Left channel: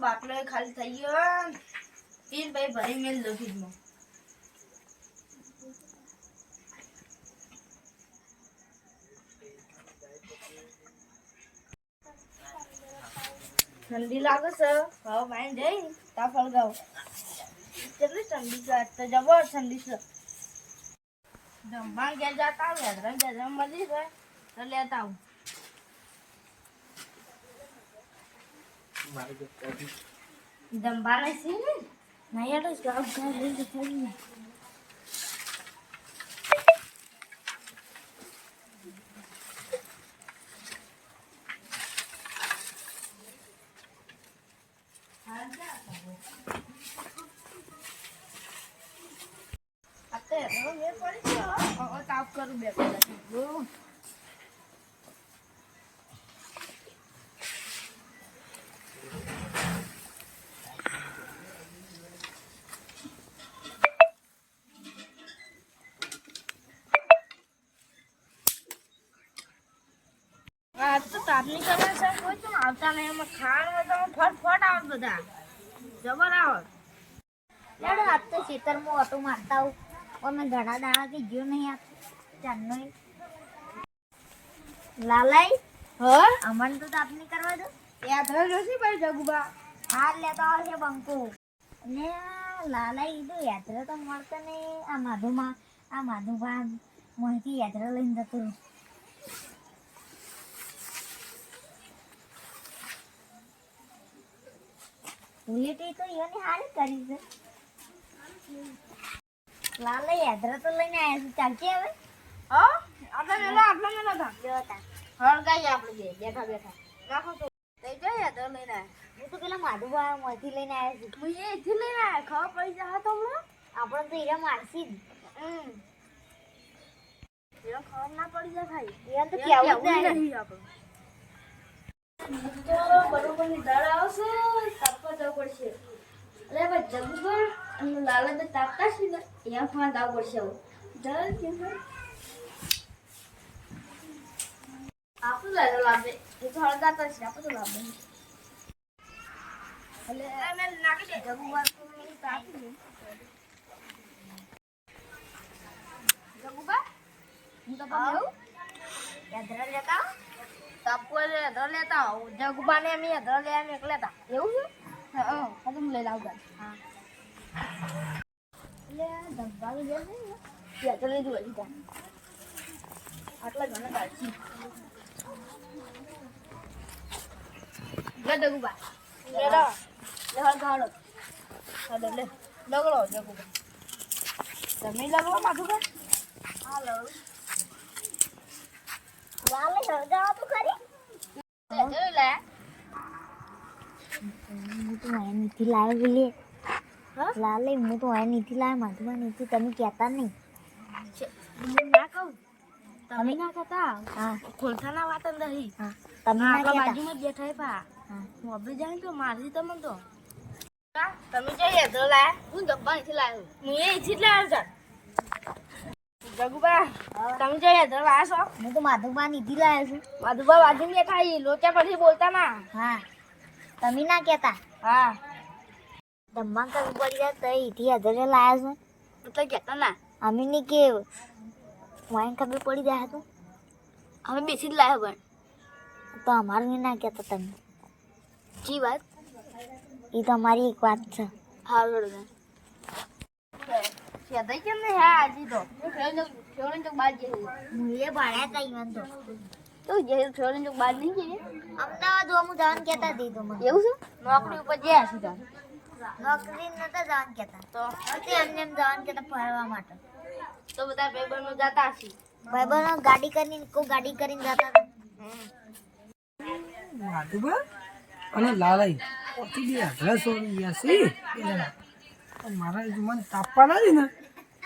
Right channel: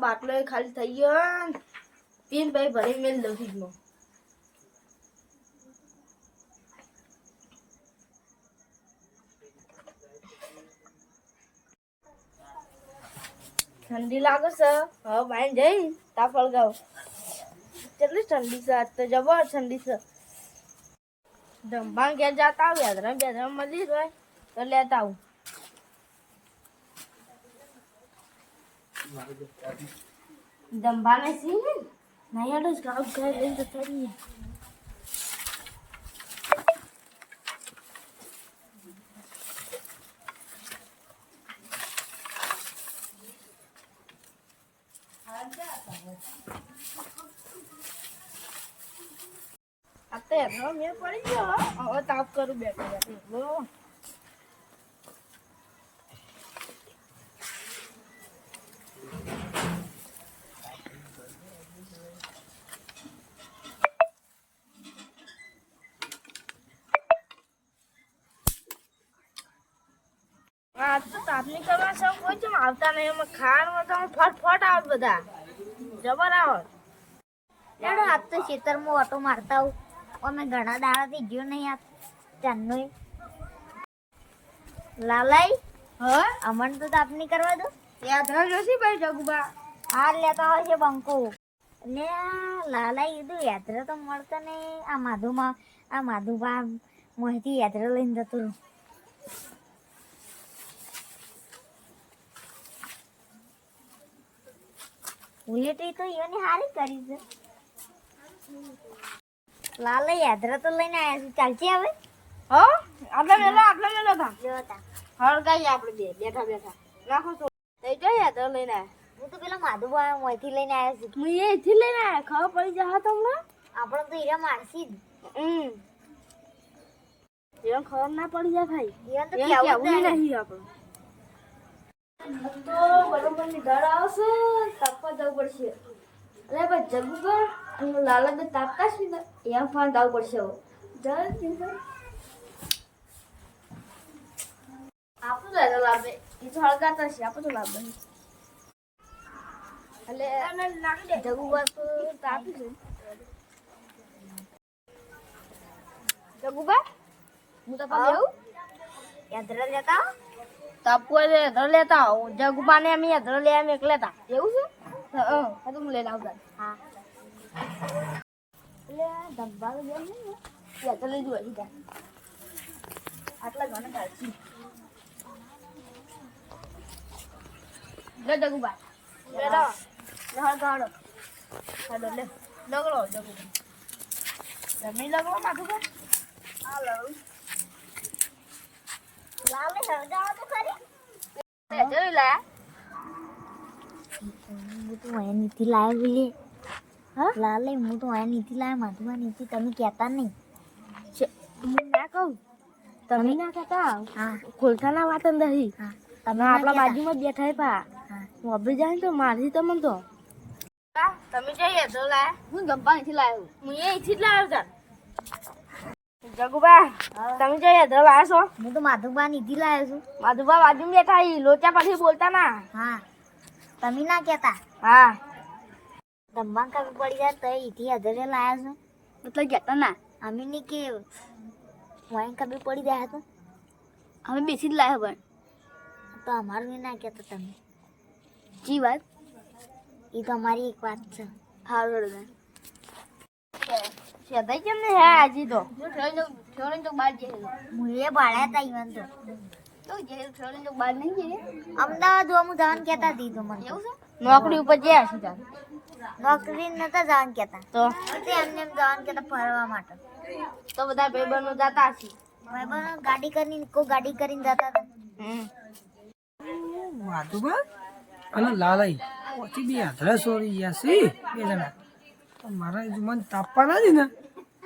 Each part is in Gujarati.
બાટલો ખાલી થઈ ગયો પીન ભાઈ ભરી મેલ દઉં ફ્રીજમાં ઠંડી લાગે છે હવે બાઈ જઈ તાપ હળગાવ કેટલી ઠંડી છે આજ તો જબર ઠંડી છે જમવા ઘેર જતા આવું યાદ મળી હોય તો લેતા આવું દંબાને સી ને ના યાર ગાવ ઘર લઈને તો થઈ અત્યારે મેં પડી ગયો હવે તાપ કરું બે કલાક આજ તો તાપની કરવા છે કોઈ ચમ આવતા નહીં એમાં ખાવાનું તો ફટફટ આવે બધા જબર આવે લેડો આજ તો ખેતરમાં ઓટો મારતા આવું અમે ઘણા દાડાથી ગયો નહીં આ ચાંદનો લાલાઈ અમન તો તાપની કરવા દો યાદ રહેશે ભાઈ જગુબા હાર લેતા હોય છે બંકો ને લાલાઈ કીધું યાત્રા તો મળતા ને આ માધુભા મોહિતી યાત્રા લઈને જતો રહું ઉલેટી તો એને હારી કરી છે લાલા યાત્રા તો લઈને આવ્યા છે ચાલતી આવે હા આપણે મેલો જોતા હળગાઈ આપણે જે બેઠા નાખો તો થઈ ગયા તો લઈને હું તો પેલા માધુભા મોહિતી લઈને આવ્યા છું હું એથી લઈને આવ્યા ખબર પડી જા તો હમણાં આપણે તો હીરા મારસી જ એને ખબર ના પડી જાય ભાઈ એને તો કેવું જ નહીં આપણે તો બરોબર ની દાળ આવશે તાપવા જવું પડશે અરે ભાઈ જગુભાઈ અને લાલા બે તાપતા છે ને એમ ફાન જવું પડશે હવે આપણું લાલો લાભે એ તો હળગાતા છે આપણે તો લાભે એટલે જગુભાઈ તો તાપી છે જગુભાઈ હું તો પણ જવું યાત્રા જતા તાપવા લેતા જગુબાને અમે લે અમે એક લેતા એવું છે હા હું લઈને આવતા હા એટલે ધંધા તો જાય ને યાત્રા લઈ જોવા સીધા આટલા ઘણા કાઢી લે જગુબા લે હાલ ગાડો હાલો લે લગડો જગુબા તમે લગડો માથું કે હાલો લાલે હળગાવા તો ખરી જોઈ લે હું તો અહીંયા નીતિ લાવ્યો બોલે હા લાલે હું તો અહીંયા નીતિ લાવ્યો માધુભા નીતિ તમે કહેતા નહીં હું ના કહું તમે ના કહેતા હા ખોલખાના વાત નહીં હા તમે આપણા બાજુમાં જ બેઠા પા હા હું અભી જાય તો મારી તો મન તો તમે જઈએ તો લાય હું ગબ્બા અહીંથી લાવ્યો હું અહીંથી જ લાવ્યો ચાલ જગુબા તમે જઈએ તો લાવ્યો છો હું તો માધુભા નીતિ લાવ્યો છું માધુબા બાજુમાં બેઠા લોચા પછી બોલતા ના હા તમે ના કહેતા હા દમવા કરવું પડી જાય તો એથી હજારે લાવ્યા છું એટલે કહેતા ના અમે નહીં કે વાઈન ખબર પડી જાય તો અમે બેસી જ લાવ્યો પણ તો અમારું ના કહેતા તમે જી વાત એ તો અમારી એક વાત છે હારું સેદાઈ કેમ ને હે આજી તો ઠેવણ તો બાર જઈએ મુએ ભાડ્યા હતા ઈવન તો જે ઠેવણ તો બાર નહીં જઈએ અમદાવાદ હું જવાનું કહેતા હતી તો મને એવું છે નોકરી ઉપર ગયા છે તાર નોકરી નતા જવાનું કહેતા તો તે એમને એમ જવાનું કહેતા ફરવા માટે તો બધા ભાઈબંધો જતા હશે ભાઈબંધો ગાડી કરીને જતા હતા માધુભા અને લાલાઈ ઓછી બે હાથરા સોરી ગયા છે બે જણા પણ મારા મને તાપવા નથી ને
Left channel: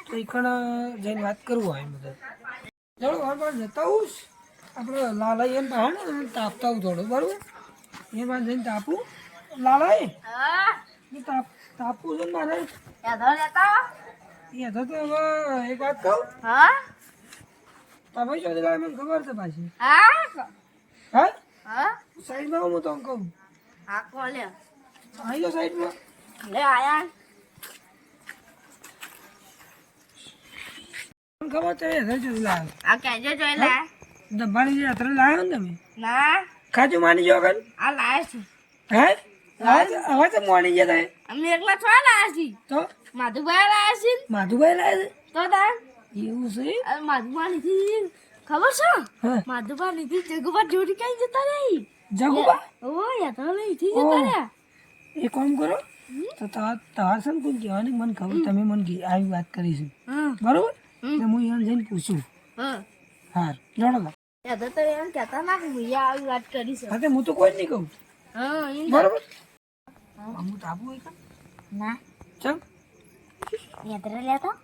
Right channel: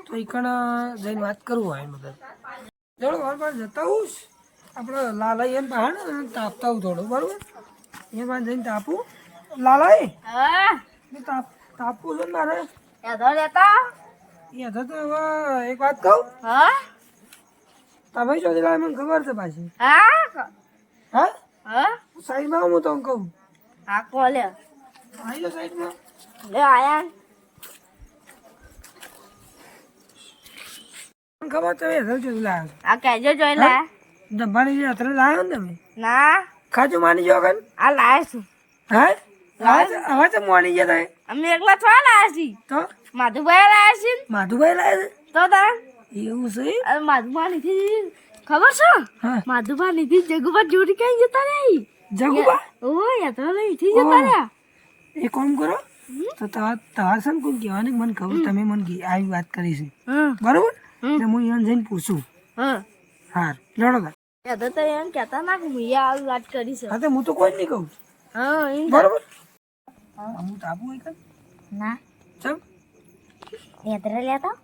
તો એ કણ જઈને વાત કરવું હોય મતલબ જોડો વાર વાર જતા હું આપણે લાલાઈ એમ બહાર ને તાપતા હું થોડું બરાબર એ બાદ જઈને તાપું લાલાઈ તાપવું છે ને મારે લેતા એ હતા તો હવે એક વાત કહું હા તમે શું લાવે મને ખબર છે પાછી હા હા હા સાઈડમાં હું તમને કહું હા કોલે આવી લો સાઈડમાં. લે આયા મને ખબર તમે હેતર ચોરી લાવ્યો. આ કહેજો જોઈ લે દબાણી જે હેતર લાવ્યો ને તમે ના ખાજુ માની જાઓ કન. આ લાયા છે હા હવે તો મોની ગયા તમે અમે એકલા થોડા લાયા છીએ તો માધુભાઈ લાયા છે માધુભાઈ લાવ્યા તો તાર છે એવું છે. માધુભા નીથી ખબર છે હા માધુભા નીથી જગુભા જોડી કઈ જતા રહી જગુબા ઓ યાત્રા નીથી જતા રહ્યા એ કામ કરો તો તમારે છે ને કોઈ કહેવાની મને ખબર તમે મને આવી વાત કરી છે હા બરોબર એટલે હું એને જઈને પૂછું. હા હાર લડો તા. યાદો તો એમ કહેતા ના કે મેં આવી વાત કરી છે હા તો હું તો કોઈ જ નહીં કહું હા એમ બરોબર. હું તાપુ હોય કન ના ચમ યાત્રા લેતા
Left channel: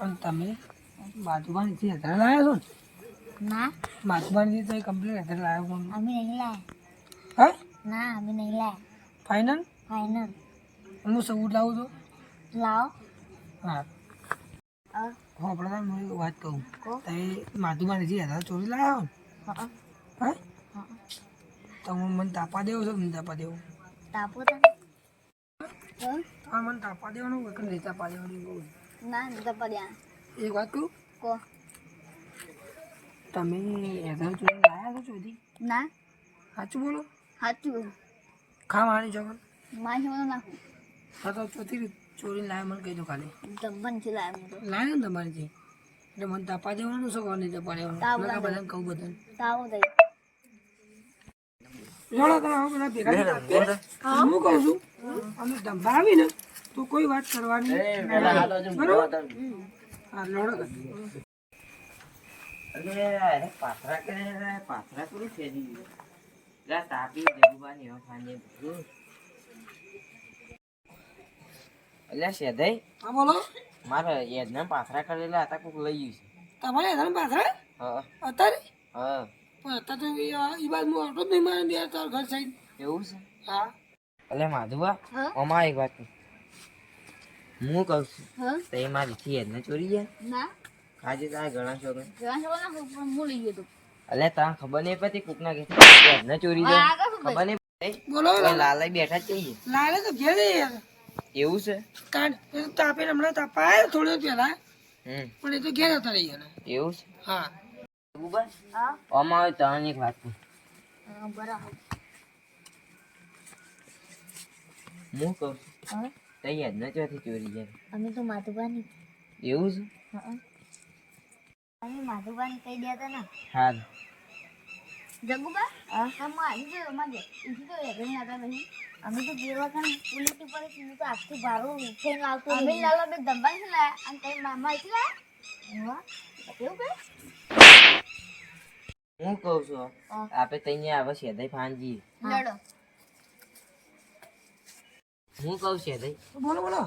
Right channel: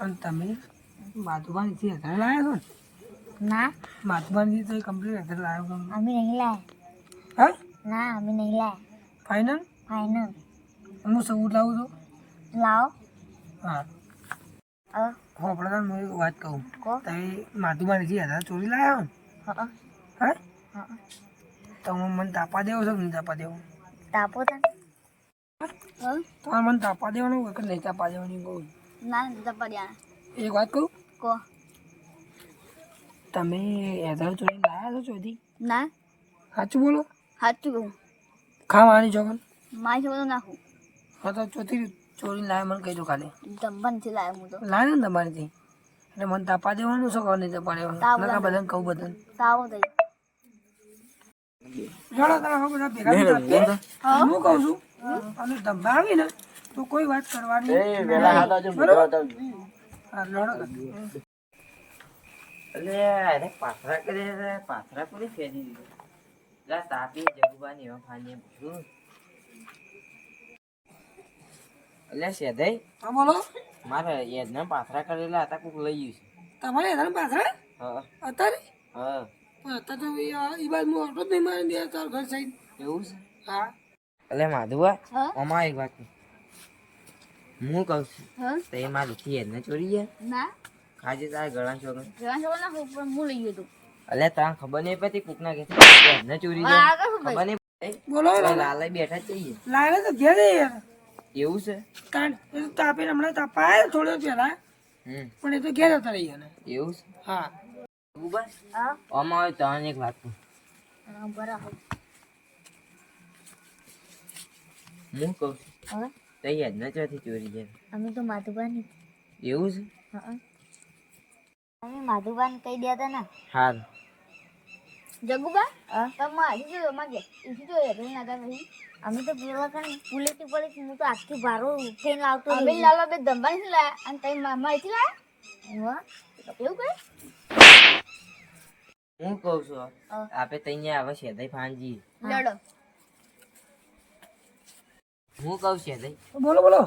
અને તમે માધુબાની થી હેતર લાવ્યા છો ને ના માધુબાની તો કમ્પ્લીટ હેતર લાવ્યો છો અમે નહીં લાયા હા ના અમે નહીં લાયા ફાઇનલ. ફાઇનલ હું સબૂત લાવું છું. લાવો હા અ આપણે તાર હું એક વાત કહું કહો. તમે માધુબાની થી હેતર ચોરી લાવ્યા હો ને હા હા હા તો મને તાપા દેવો છો કે નહીં તાપા દેવો. તાપો તને તમારે મને તાપા દેવાનું હોય કે નહીં તાપા દેવાનું કહું. ના જપડ્યા એક વાત કહું કો તમે હેતર ચોરી લાવ્યા છો ચોથી ના સાચું બોલો સાચું ખાવાની ચોકન મારી જોડે નાખું હા તો ચોથી ચોરી લાવે મને કહી દો ખાલી દંબન થી લાવ્યો હું તો લાવે ને તમારીથી એટલે મને તાપા દેવાનું શું કહો નહીં તાપા તાપ દેવાનું બધાને કહું બધાને તાવો દઈ ચાલો તમે હવે બધા ભેગા થઈને તાપીએ. હું કહું છું અને ધંધા આવી ને તો કોઈ વાત કરવાની નહીં. બરોબર હા લડો તમે. અરે પાથરા કરે પાથરા પૂરી ફેરી દીધું જા તાપી જગુબાની એવા ખાને બધું અલ્યા શેધાઈ હા બોલો મારે યજ્ઞ પાથરા કરેલા હતા કોક લઈ ગયું છે તમારે હેરાન પાછળ હા અત્યારે હા પણ અત્યારે તો એ બાદ હું ઓટો જ નહીં મારી દે તાર ઘર સાઈડ. એવું છે હા અલે માધુબા હા અમાર એક વાત હું કહું છું હા તો એ મારી યજ્ઞ ચોરી ગયા ના ખાજે તારા ગળા છોકરા જવાન જોડે નાખું પણ હું લઈ ગયો તું અલે તાર ખબર નહીં પડતી કોકના કે યજ્ઞ ચોરી હા, જાય આગળ શું ખબર નહીં પડતી બોલો લાલા બેઠા જ જઈએ લાવે તો ઘેર યાર એવું છે કારણ એ તો તાપીને હમણાં તાપા આવ્યો થોડો પહેલા પણ એ તો ઘેર હતા રહી ગયા. એવું છે હા જગુબા હા આમાં આવે તને એક વાત કહું બરાબર હું કહું છું હવે તો યજ્ઞ ચોથી ચોરી જાય અમે તો માધુબાની એવું છે હા અમે માધુબાન કહી દેતા ને હાર જગુબા તમે આવી ગયો માગે ઈથી તો યાત્રા નાતા નહીં અમે તો પેલા કણ પુલેટી પડી હું તો આજથી ભારો થઈને આવતો અમે લાલો બે દંબન થી લાયા અને તઈ મામા અહીંથી લાયા એવું કઈ હું કહું છું હા. આપે તૈયા આવે શેદાઈ ફાંજી લડો હું કહું શેદાઈ બોલો બોલો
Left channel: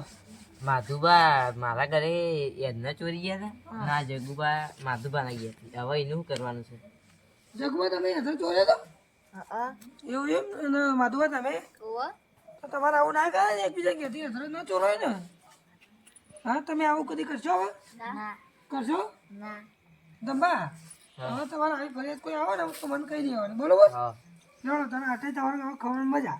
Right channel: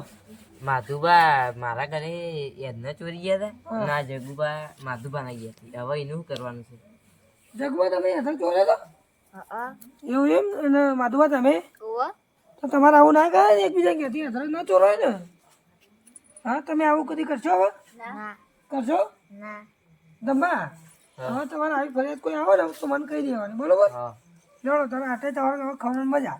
માધુબા મારા ઘરે યજ્ઞ ચોરી ગયા હતા ના જગુબા માધુબા ના ગયા હતા હવે એનું શું કરવાનું છે જગવા તમે હેતર ચોર્યો તો હા એવું એમ અને માધુબા તમે ઓવા તો તમારે આવું ના કરે ને એકબીજા કહેતી હેતર ના ચોરાય ને. હા તમે આવું કદી કરશો હવે ના કરશો ના દંબા હા. હવે તમારે આવી ફરિયાદ કોઈ આવે ને તો મને કહી દેવાની બરોબર. હા જાણો તમે આટલે તમારે હવે ખવડાવવાની મજા